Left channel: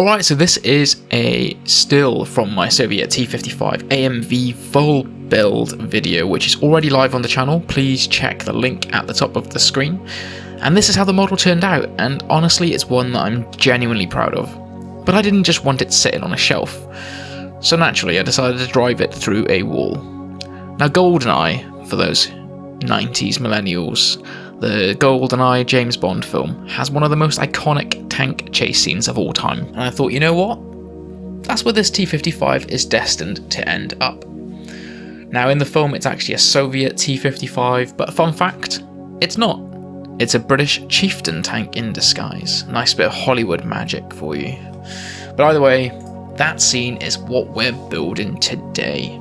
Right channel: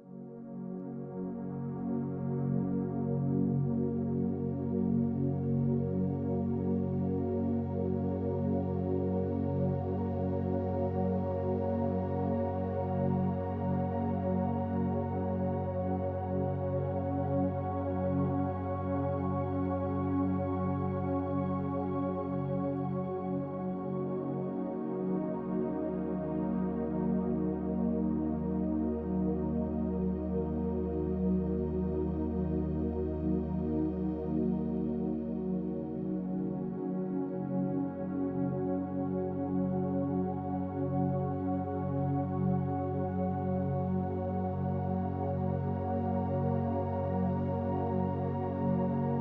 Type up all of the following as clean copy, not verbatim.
Alright, so this is a still from my Soviet T-55 AMV full build video, which is already live on the channel. Please check the link at the top of the screen. And this is how the model turned out, and honestly it's one that I'm genuinely proud of. But I didn't just want it sitting on a shelf. So naturally I decided to drive it through a wall. Now GoldenEye, for those 90s millennials, the GoldenEye James Bond film has one of the most iconic tank chase scenes of all time, and I thought, you know what? That's where this T-55 is destined to end up. Now in the film it's actually a Soviet T-55, but fun fact, it's not. It's a British Chieftain tank in disguise. Nice bit of Hollywood magic for you. But either way, that scene is what we're building today.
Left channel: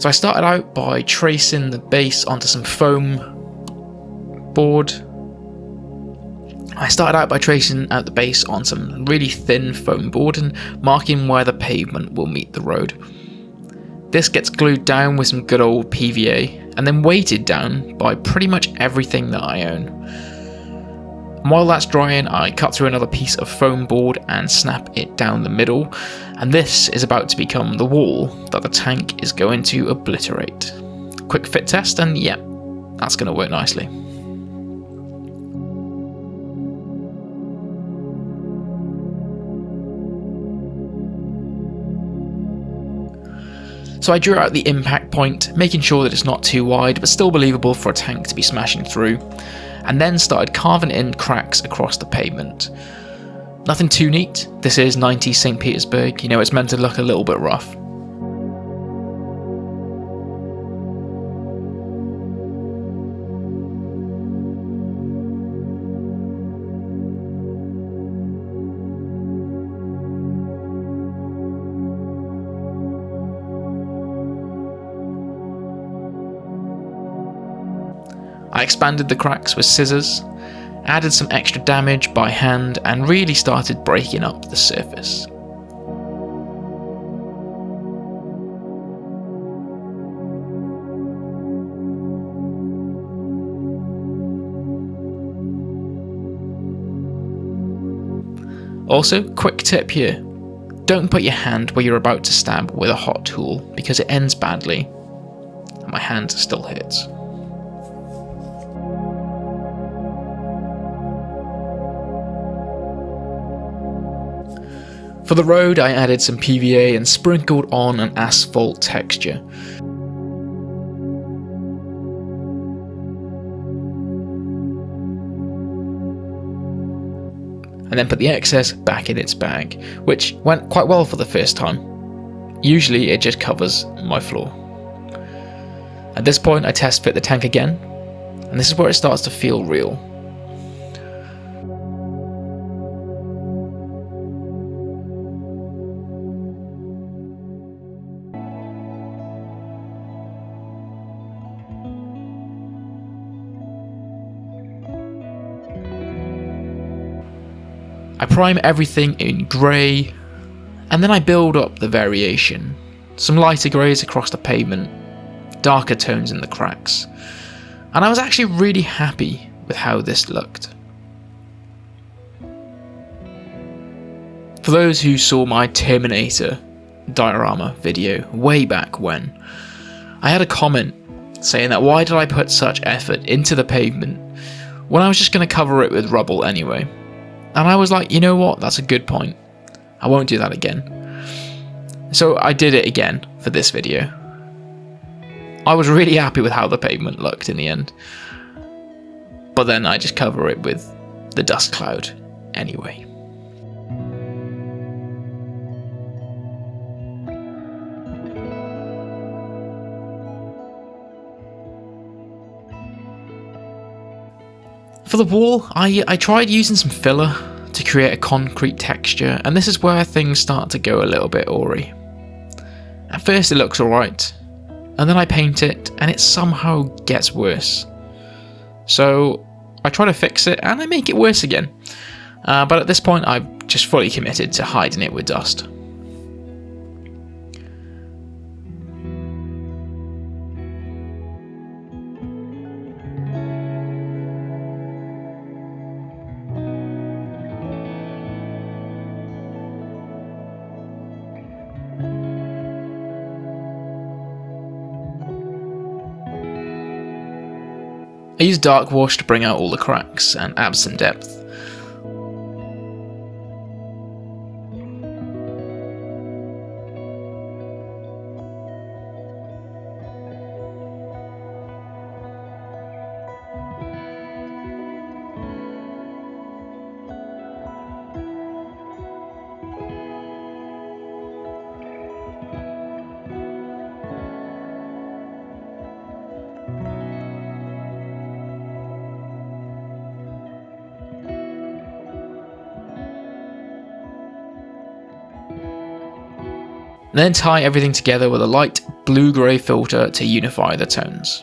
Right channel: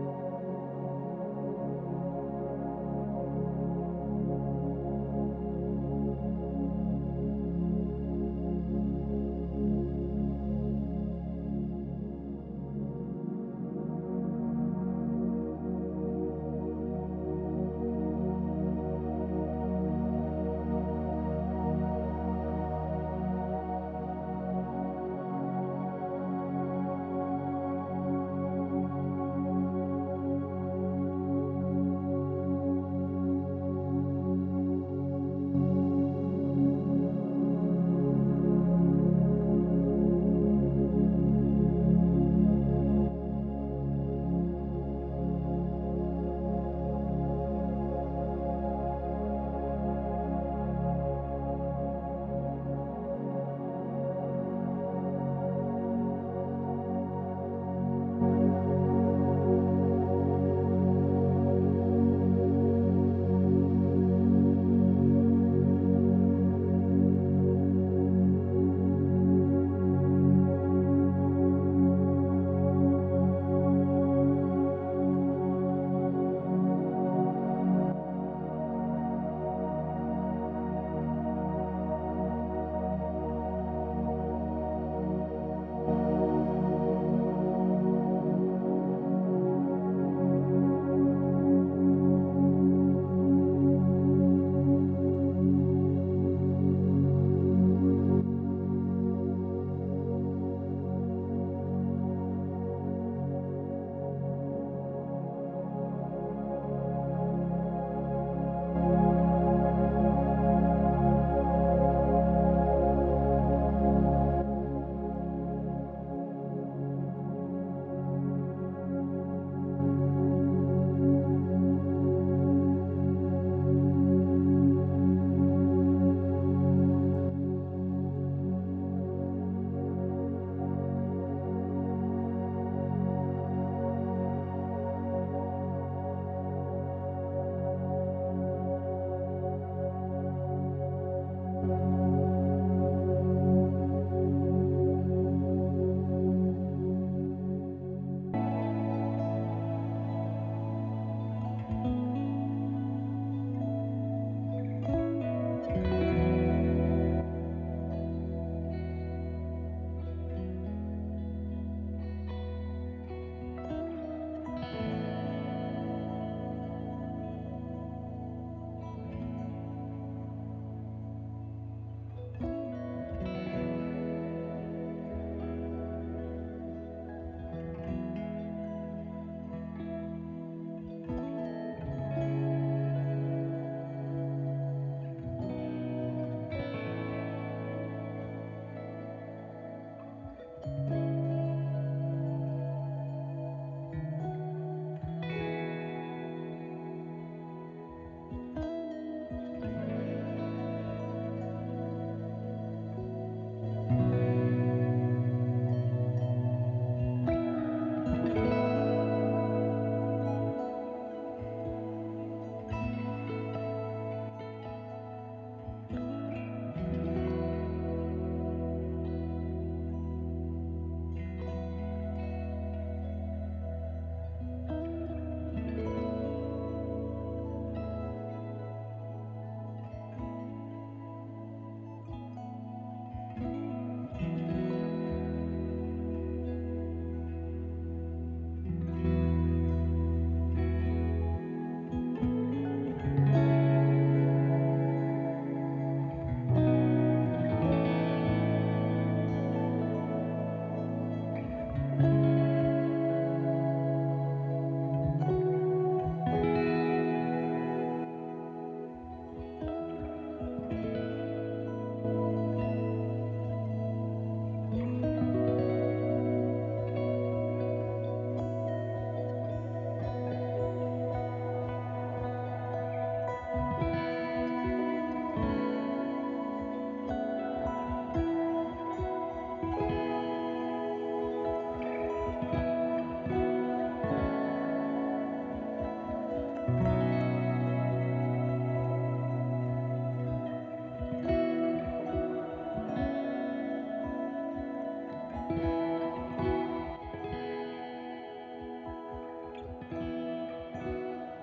So I started out by tracing the base onto some foam board. I started out by tracing out the base on some really thin foam board and marking where the pavement will meet the road. This gets glued down with some good old PVA and then weighted down by pretty much everything that I own. And while that's drying, I cut through another piece of foam board and snap it down the middle, and this is about to become the wall that the tank is going to obliterate. Quick fit test, and yeah, that's going to work nicely. So I drew out the impact point, making sure that it's not too wide but still believable for a tank to be smashing through, and then started carving in cracks across the pavement. Nothing too neat, this is 90s St. Petersburg, you know, it's meant to look a little bit rough. I expanded the cracks with scissors, added some extra damage by hand, and really started breaking up the surface. Also, quick tip here, don't put your hand where you're about to stab with a hot tool because it ends badly, and my hand still hurts. For the road, I added some PVA and sprinkled on an asphalt texture. And then put the excess back in its bag, which went quite well for the first time. Usually it just covers my floor. At this point I test fit the tank again, and this is where it starts to feel real. I prime everything in grey, and then I build up the variation. Some lighter greys across the pavement, darker tones in the cracks, and I was actually really happy with how this looked. For those who saw my Terminator diorama video way back when, I had a comment saying that why did I put such effort into the pavement when I was just going to cover it with rubble anyway. And I was like, you know what, that's a good point. I won't do that again. So I did it again for this video. I was really happy with how the pavement looked in the end. But then I just cover it with the dust cloud anyway. For the wall, I tried using some filler to create a concrete texture, and this is where things start to go a little bit awry. At first it looks alright, and then I paint it and it somehow gets worse. So I try to fix it and I make it worse again. But at this point I've just fully committed to hiding it with dust. I used dark wash to bring out all the cracks and add some depth. Then tie everything together with a light blue-grey filter to unify the tones.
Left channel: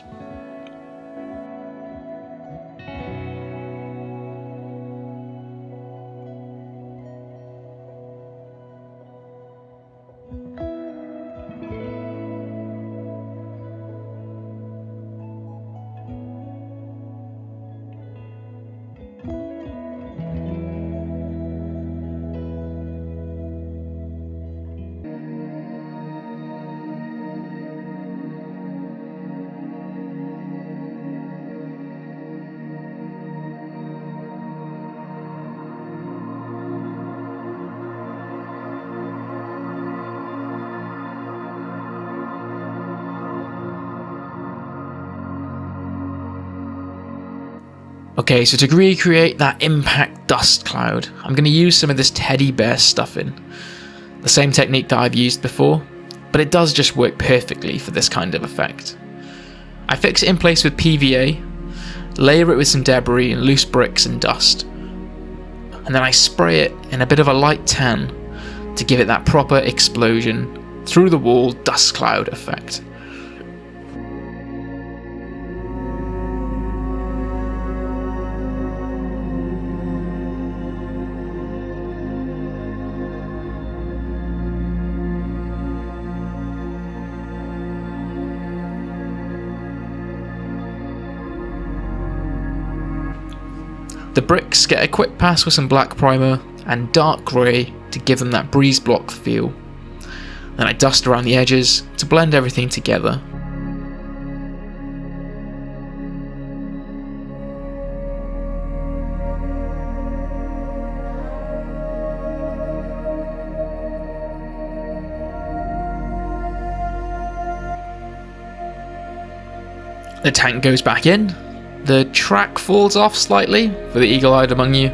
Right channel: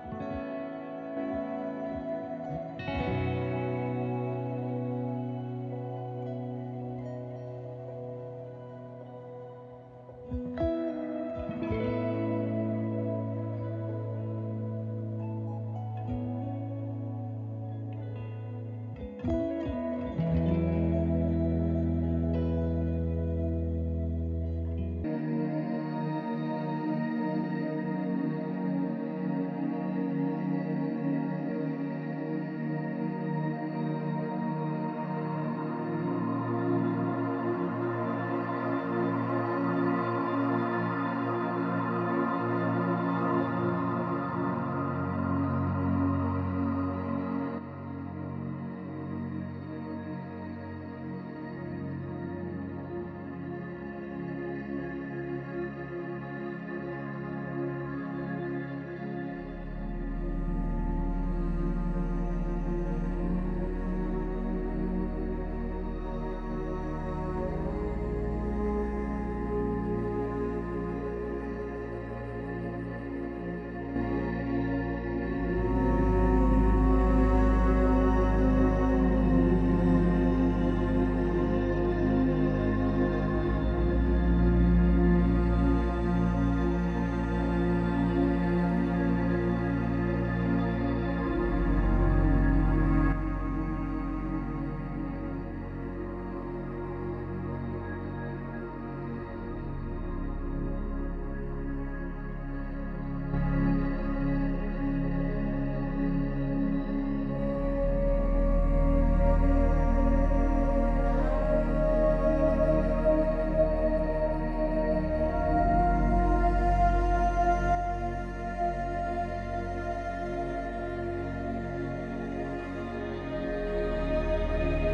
Okay, so to recreate that impact dust cloud, I'm going to use some of this teddy bear stuffing. The same technique that I've used before, but it does just work perfectly for this kind of effect. I fix it in place with PVA, layer it with some debris and loose bricks and dust, and then I spray it in a bit of a light tan to give it that proper explosion through the wall dust cloud effect. The bricks get a quick pass with some black primer and dark grey to give them that breeze block feel. Then I dust around the edges to blend everything together. The tank goes back in. The track falls off slightly for the eagle-eyed among you.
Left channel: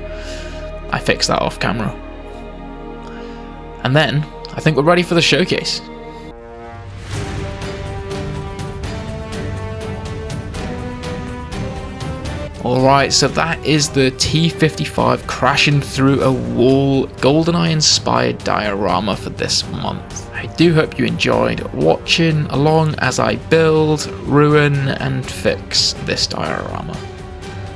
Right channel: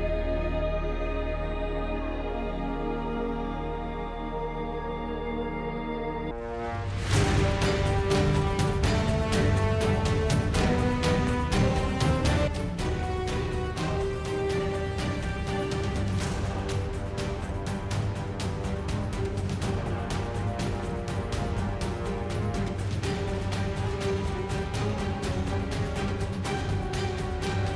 I fixed that off camera. And then, I think we're ready for the showcase. Alright, so that is the T-55 crashing through a wall GoldenEye-inspired diorama for this month. I do hope you enjoyed watching along as I build, ruin and fix this diorama.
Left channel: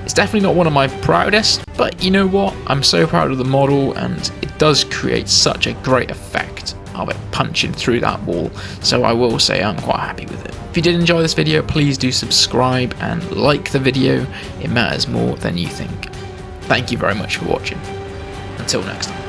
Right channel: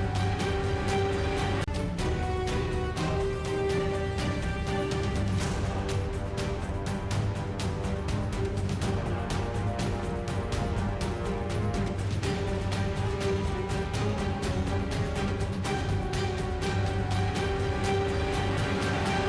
It's definitely not one of my proudest, but you know what? I'm so proud of the model and it does create such a great effect of it punching through that wall, so I will say I'm quite happy with it. If you did enjoy this video, please do subscribe and like the video, it matters more than you think. Thank you very much for watching. Until next time.